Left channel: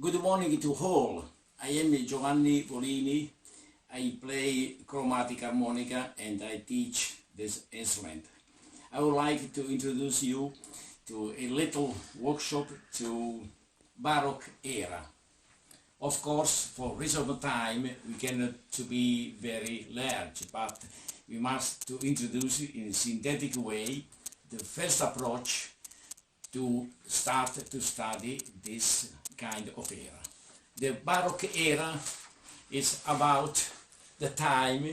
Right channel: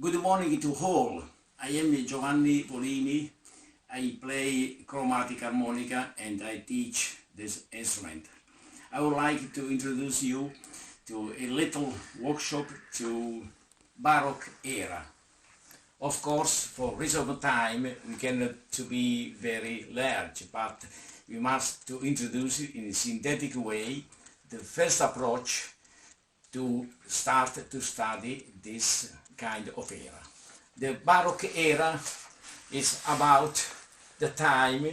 Good morning to all. I am Giovanni Volini. I play chromatic harmonica and I teach this instrument. I would like to introduce you to a little workshop to Baroque era. Of course, for reason of time, we cannot to be very large, but we must to introduce in a synthetic way the first approach to start to study this kind of era. The Baroque era is about the time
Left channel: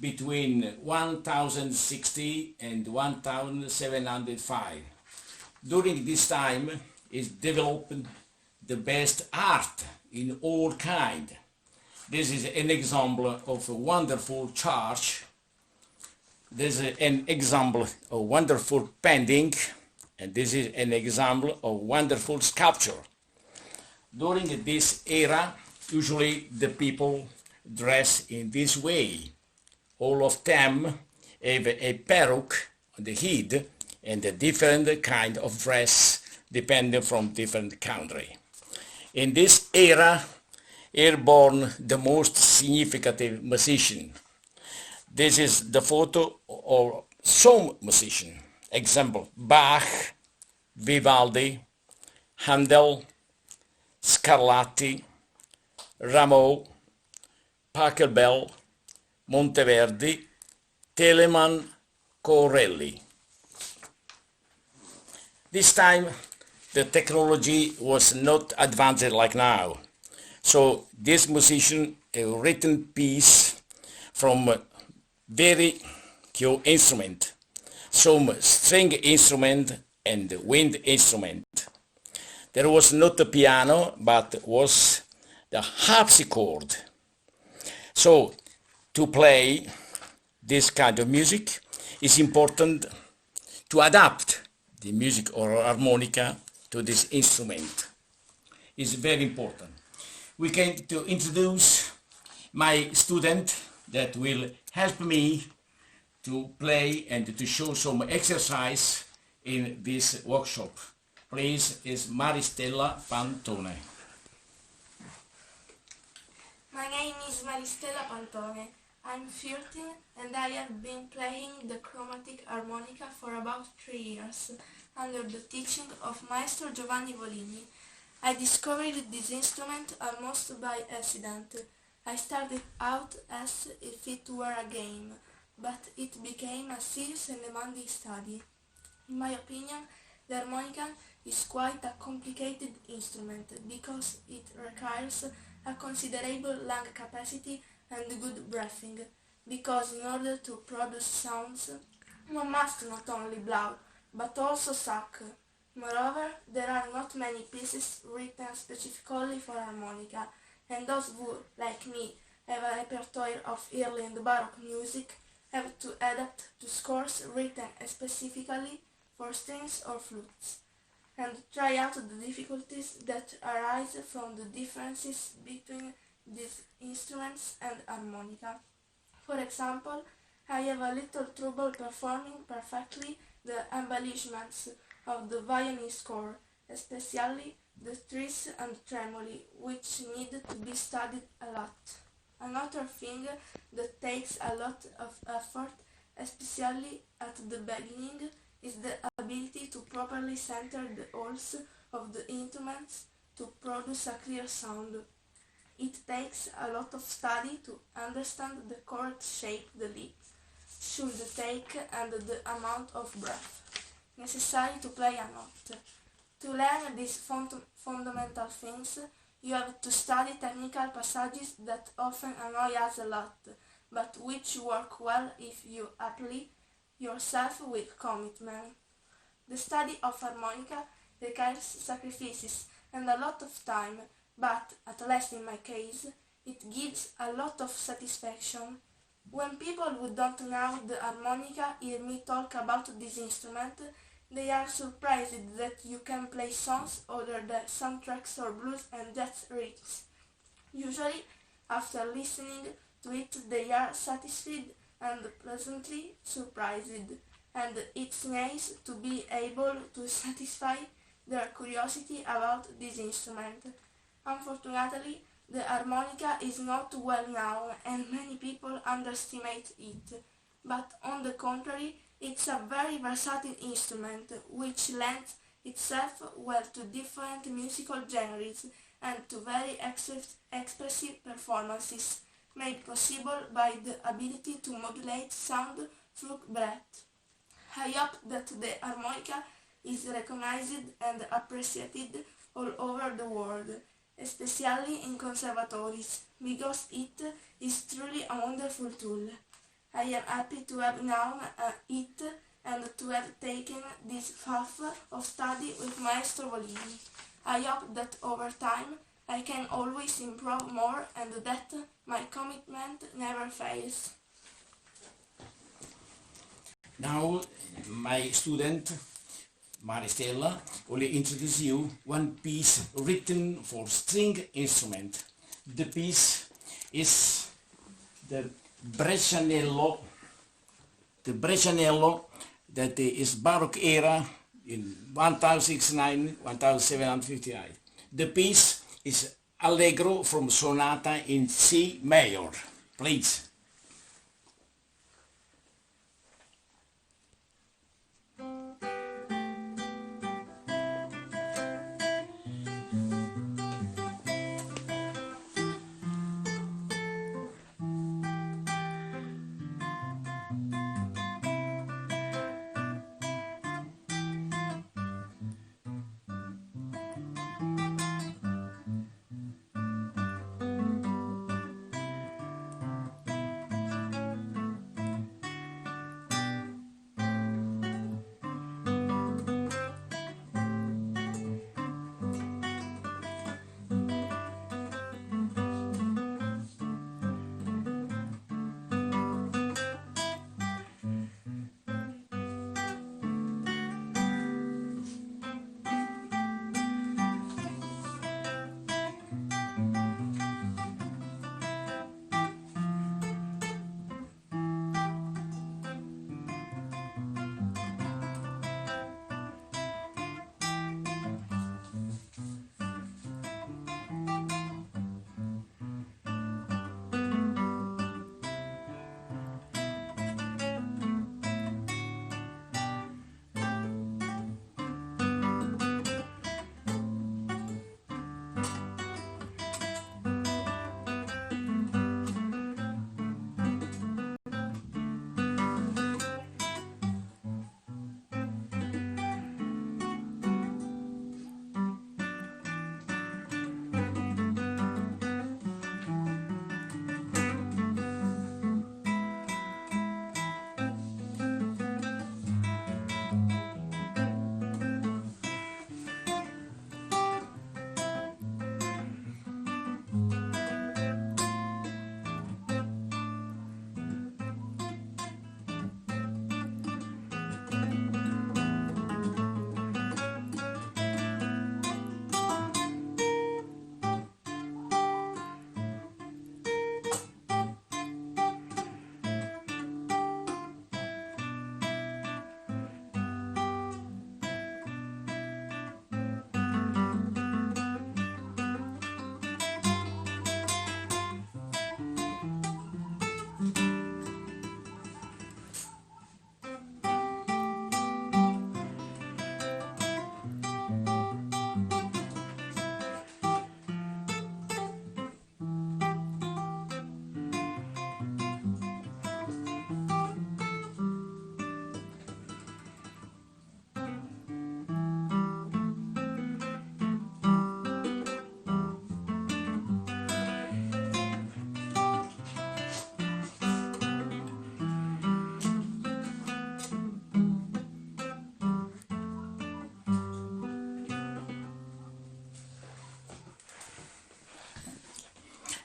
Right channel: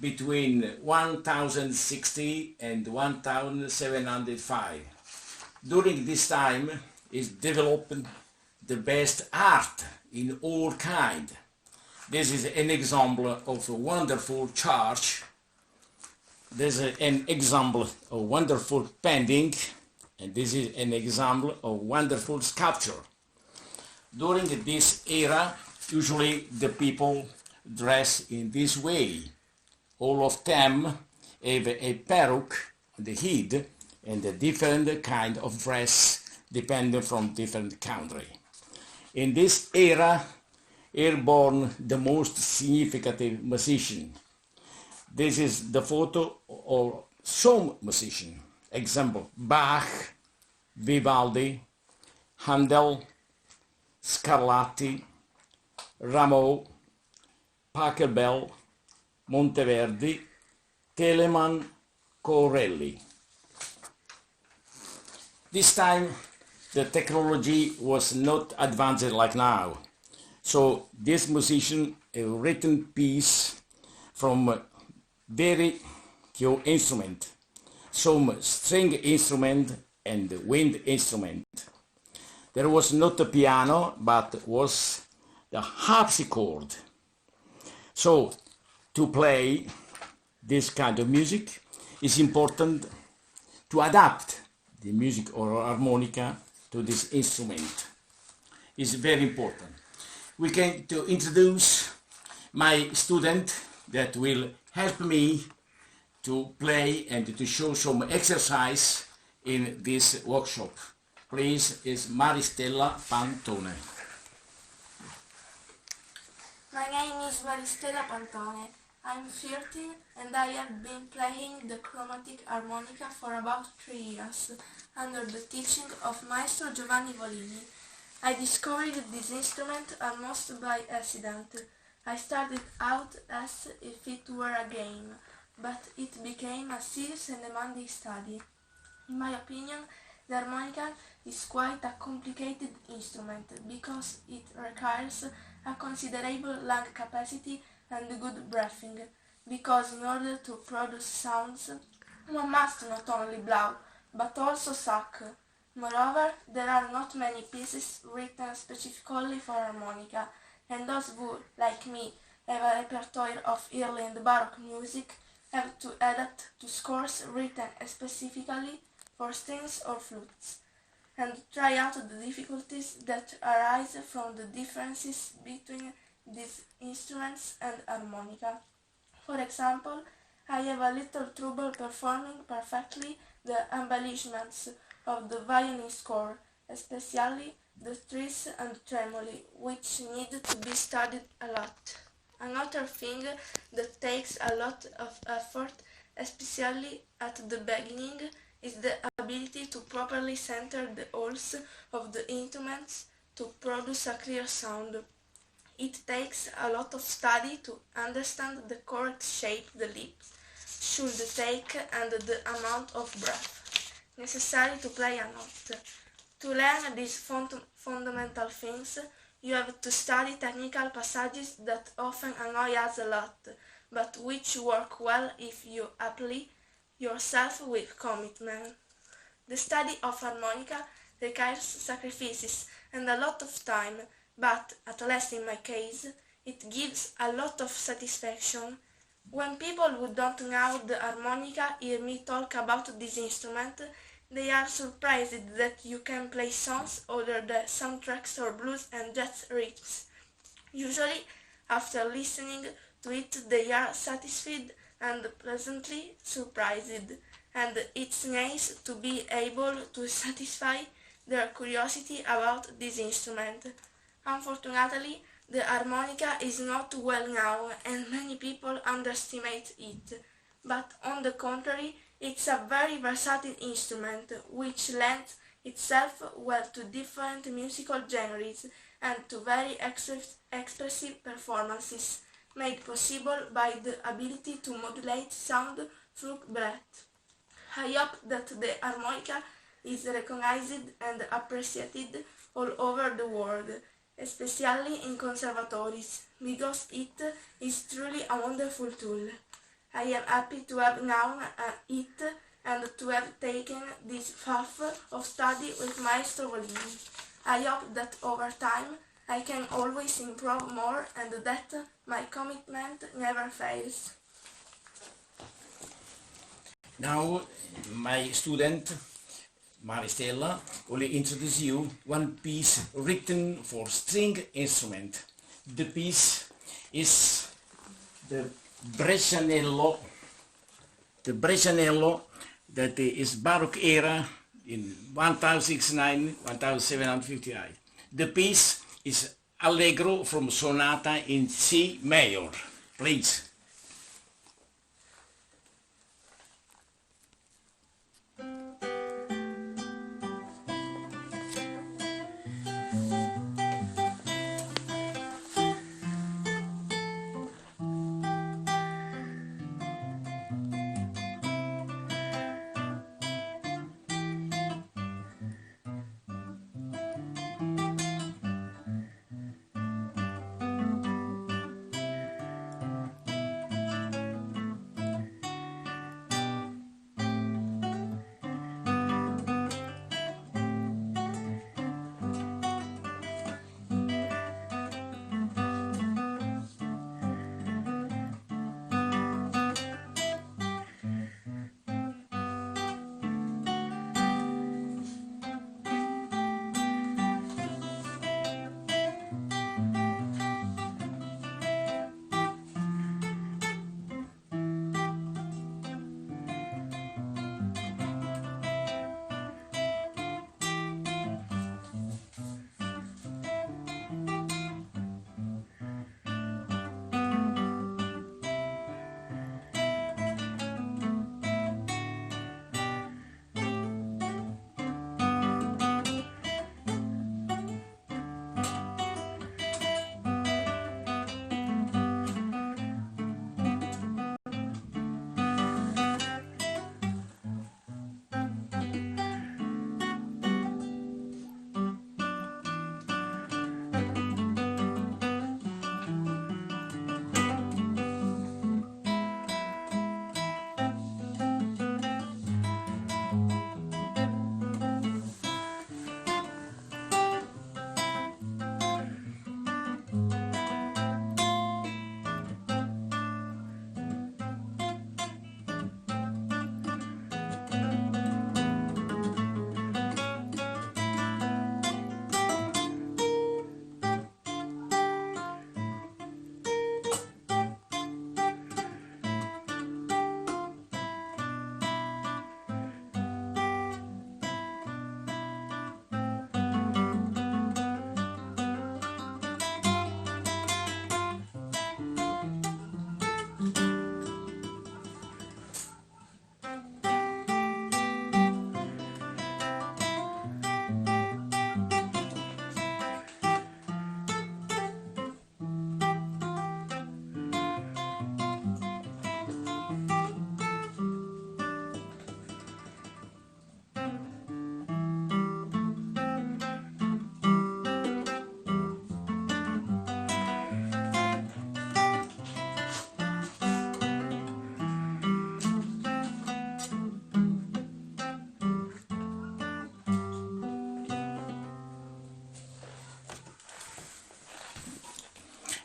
between 1060 and 1705. During this time is developed the best art in all kind. This is an example of a wonderful church. This is an example of wonderful painting, and this is an example of wonderful sculpture. During this era, usually the people dress in this way. All of them have a peruke on the head and a different kind of dress depending from different country. In this era, are born the most significant musician. This is the photo of some musician. Example, Bach, Vivaldi, Handel, Scarlatti, Rameau, Pachelbel, Monteverdi, Telemann, Corelli. This time the technology was not advanced like now. So this musician a written piece from very few instrument, some string instrument and wind instrument. There was not a piano, but was the harpsichord. So to play this kind of music is important to adapt the music or harmonica to this instrument. It's very important. We can to introduce my student that will help me to play and to show some exercise in this workshop. Please, is Maristella Pantone. My name is Maristella Pantone. I'm 13 and I have been playing the chromatic harmonica for about 3 years under the teaching of Maestro Giovanni Volini. I discovered this instrument almost by accident. I started out as if it were a game, but it became a serious and demanding study. In my opinion, the harmonica is quite a complicated instrument because it requires a considerable lung capacity and good breathing, because in order to produce sounds, one must not only blow, but also suck. Moreover, there are not many pieces written specifically for harmonica, and those who, like me, have a repertoire of early and Baroque music have to adapt to scores written specifically for strings or flutes, and try out the difficulties that arise from the differences between these instruments and harmonica. For example, I have a little trouble performing perfectly the embellishments of the violin score, especially the tris and tremoli, which need to be studied a lot. Another thing that takes a lot of effort, especially at the beginning, is the ability to properly center the holes of the instruments to produce a clear sound. It takes a lot of study to understand the correct shape the lips should take and the amount of breath necessary to play a note. To learn these fundamental things, you have to study technical passages that often annoy us a lot, but which work well if you apply yourself with commitment. The study of harmonica requires sacrifices and a lot of time, but, at least in my case, it gives a lot of satisfaction. When people who don't know the harmonica hear me talk about this instrument, they are surprised that you can play songs other than soundtracks or blues and jazz riffs. Usually, after listening to it, they are satisfied and pleasantly surprised, and it's nice to be able to satisfy their curiosity about this instrument. Unfortunately, the harmonica is not well known and many people underestimate it, but on the contrary, it's a very versatile instrument which lends itself well to different musical genres and to very expressive performances, made possible by the ability to modulate sound through breath. I hope that the harmonica is recognized and appreciated all over the world, especially in conservatories, because it is truly a wonderful tool. I am happy to have known it and to have taken this path of study with Maestro Volini. I hope that over time I can always improve more and that my commitment never fails. Now, my student Maristella will introduce you one piece written for string instrument. The piece is the Brescianello that is Baroque era in 1069-1758. The piece is Allegro from Sonata in C major. Please.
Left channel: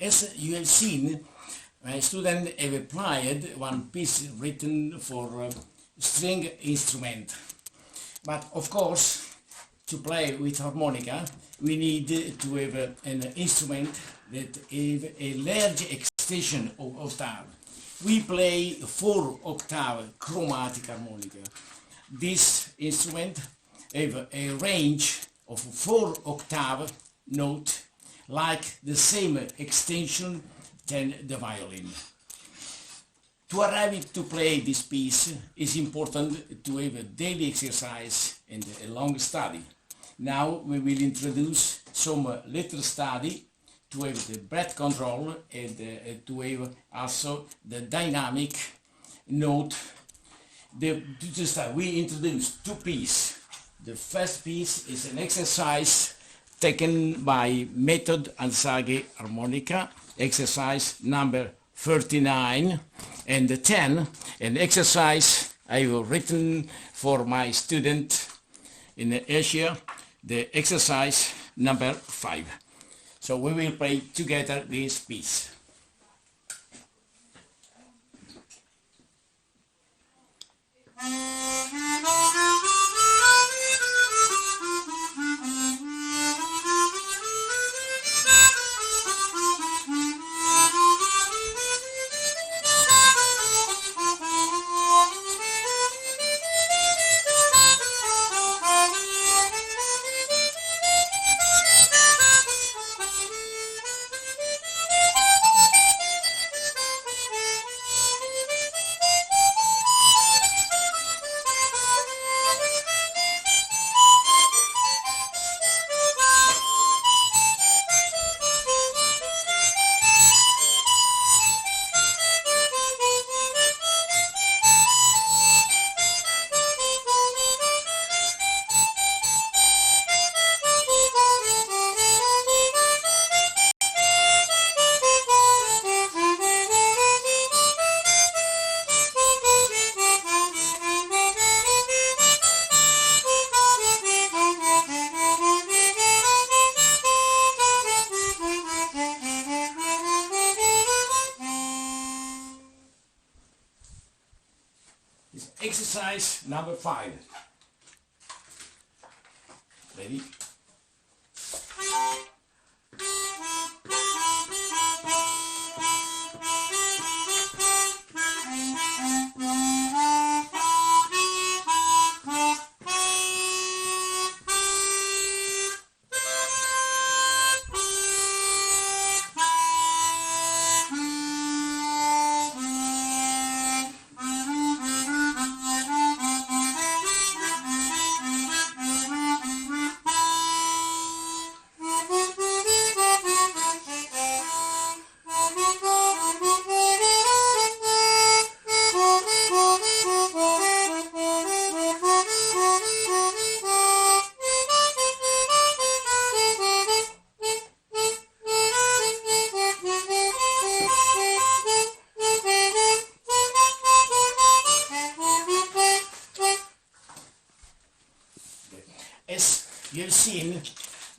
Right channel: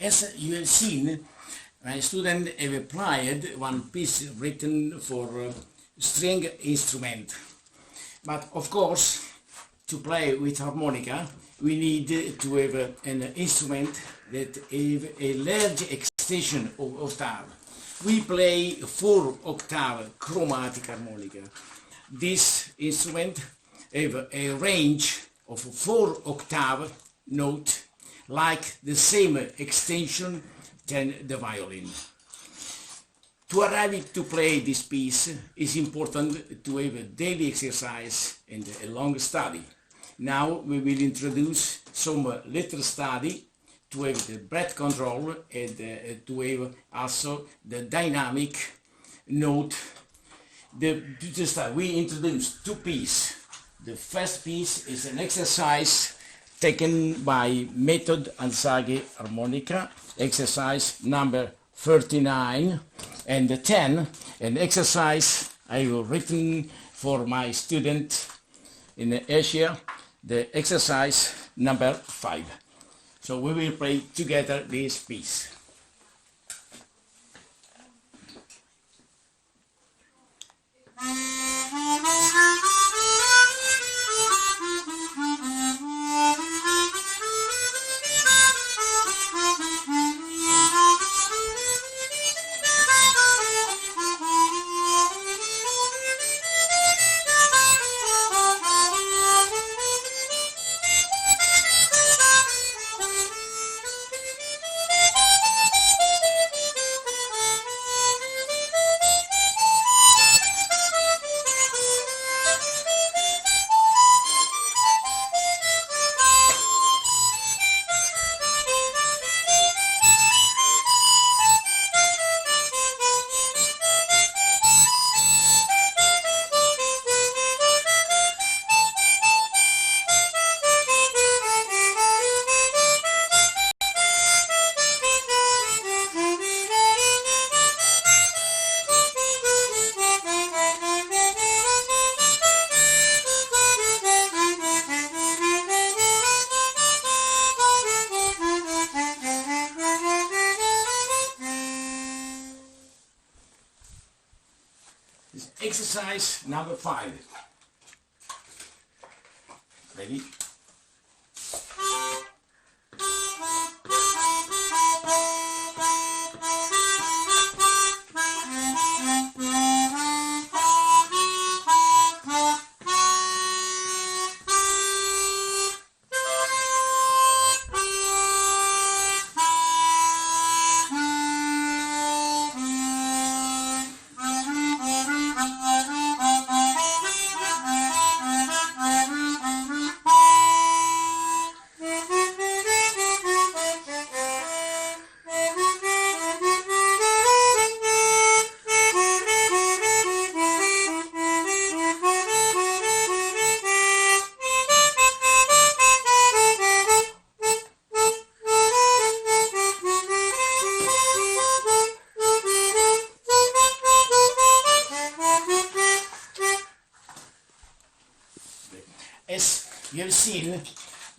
As you have seen, my student have applied one piece written for string instrument. But of course, to play with harmonica, we need to have an instrument that have a large extension of octave. We play 4-octave chromatic harmonica. This instrument have a range of 4-octave note like the same extension than the violin. To arrive to play this piece is important to have a daily exercise and a long study. Now we will introduce some little study to have the breath control and to have also the dynamic note. We introduce two pieces. The first piece is an exercise taken by Method Alzaghe Harmonica, exercise number 39 and 10, an exercise I have written for my student in Asia, the exercise number 5. So we will play together this piece. Exercise number 5. Ready? As you have seen,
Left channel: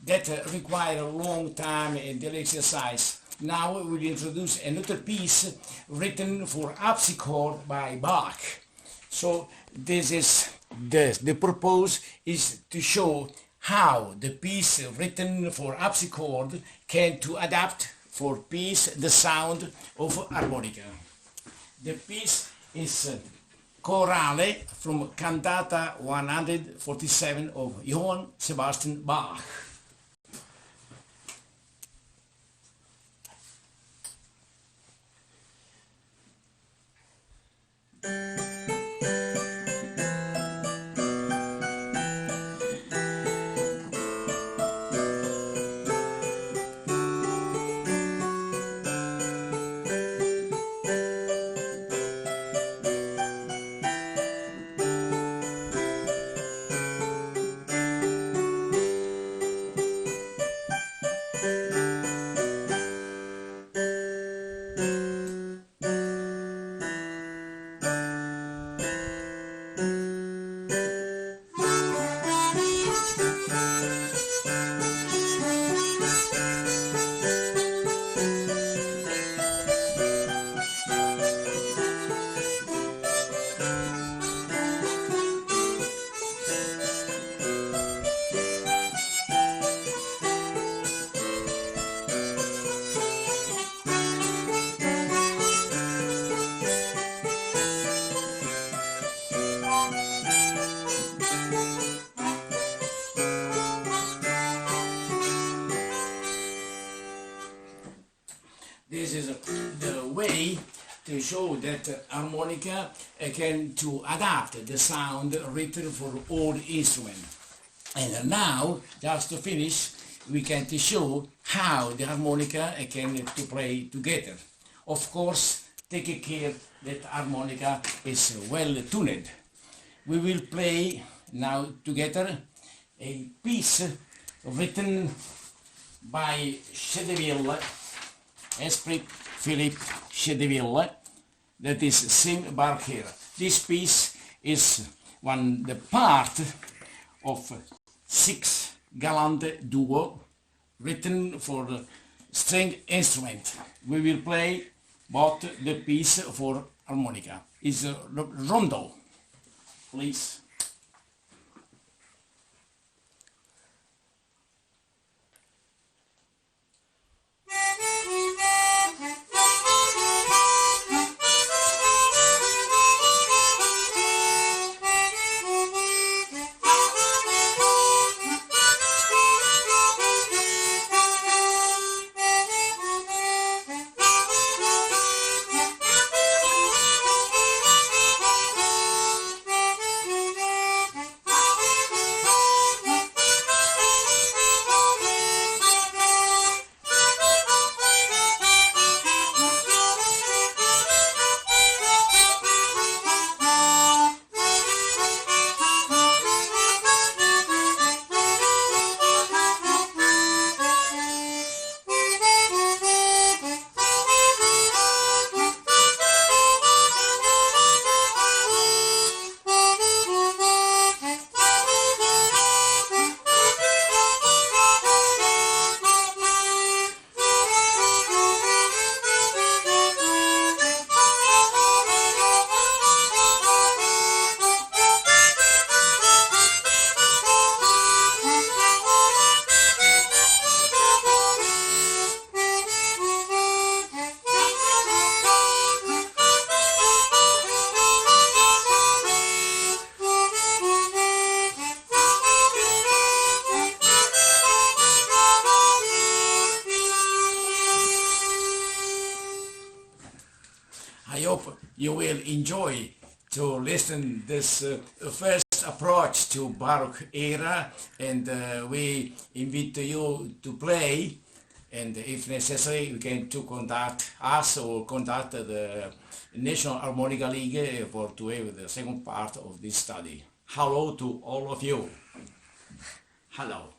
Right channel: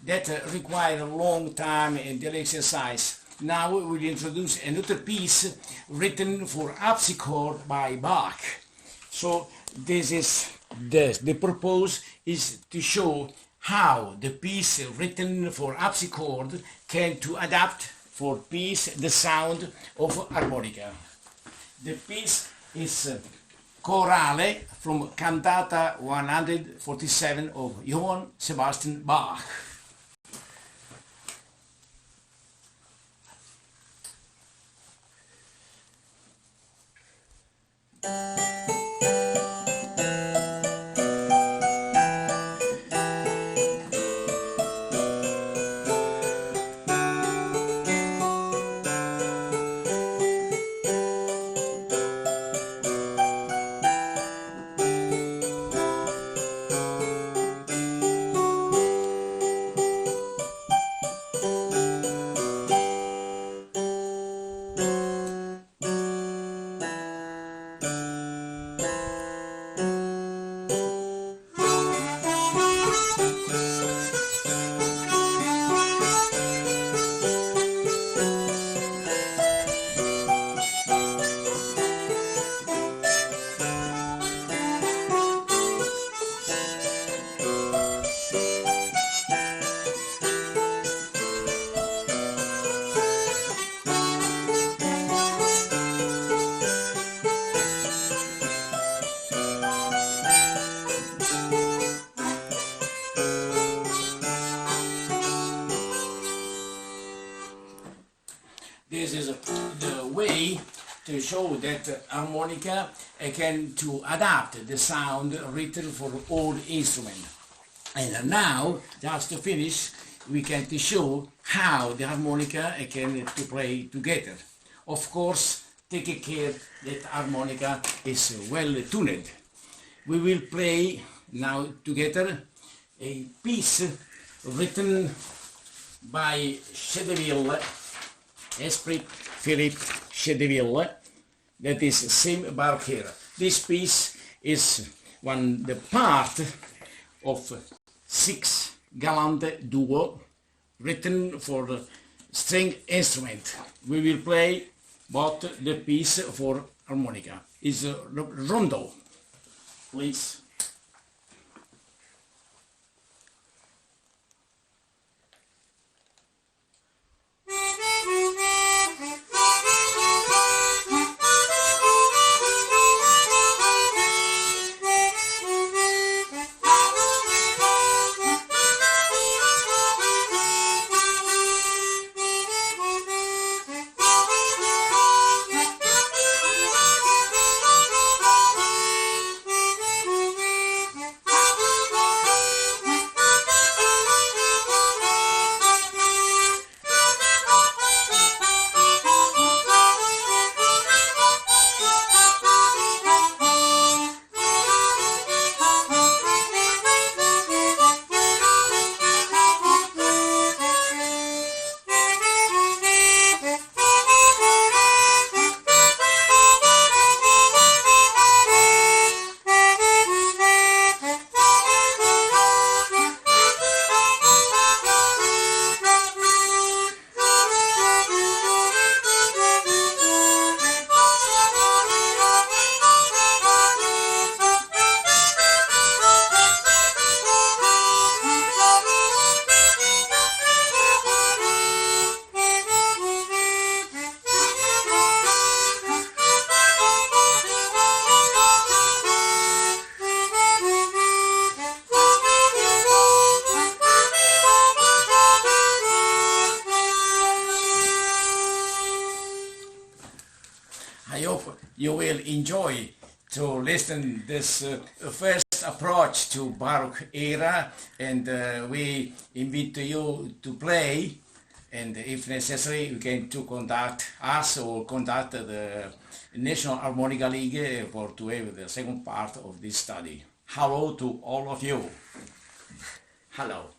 that require a long time and daily exercise. Now we will introduce another piece written for harpsichord by Bach. So this is the purpose is to show how the piece written for harpsichord can to adapt for piece the sound of harmonica. The piece is Chorale from Cantata 147 of Johann Sebastian Bach. This is the way to show that harmonica can to adapt the sound written for all instruments. And now, just to finish, we can to show how the harmonica can to play together. Of course, take care that harmonica is well tuned. We will play now together a piece written by Chedeville, Esprit Philippe Chedeville, that is same Baroque. This piece is the part of 6 gallant duo written for string instrument. We will play both the piece for harmonica. It's a rondo, please. I hope you will enjoy to listen this first approach to Baroque era, and we invite you to play, and if necessary you can to contact us or contact the National Harmonica League for to have the second part of this study. Hello to all of you. Hello.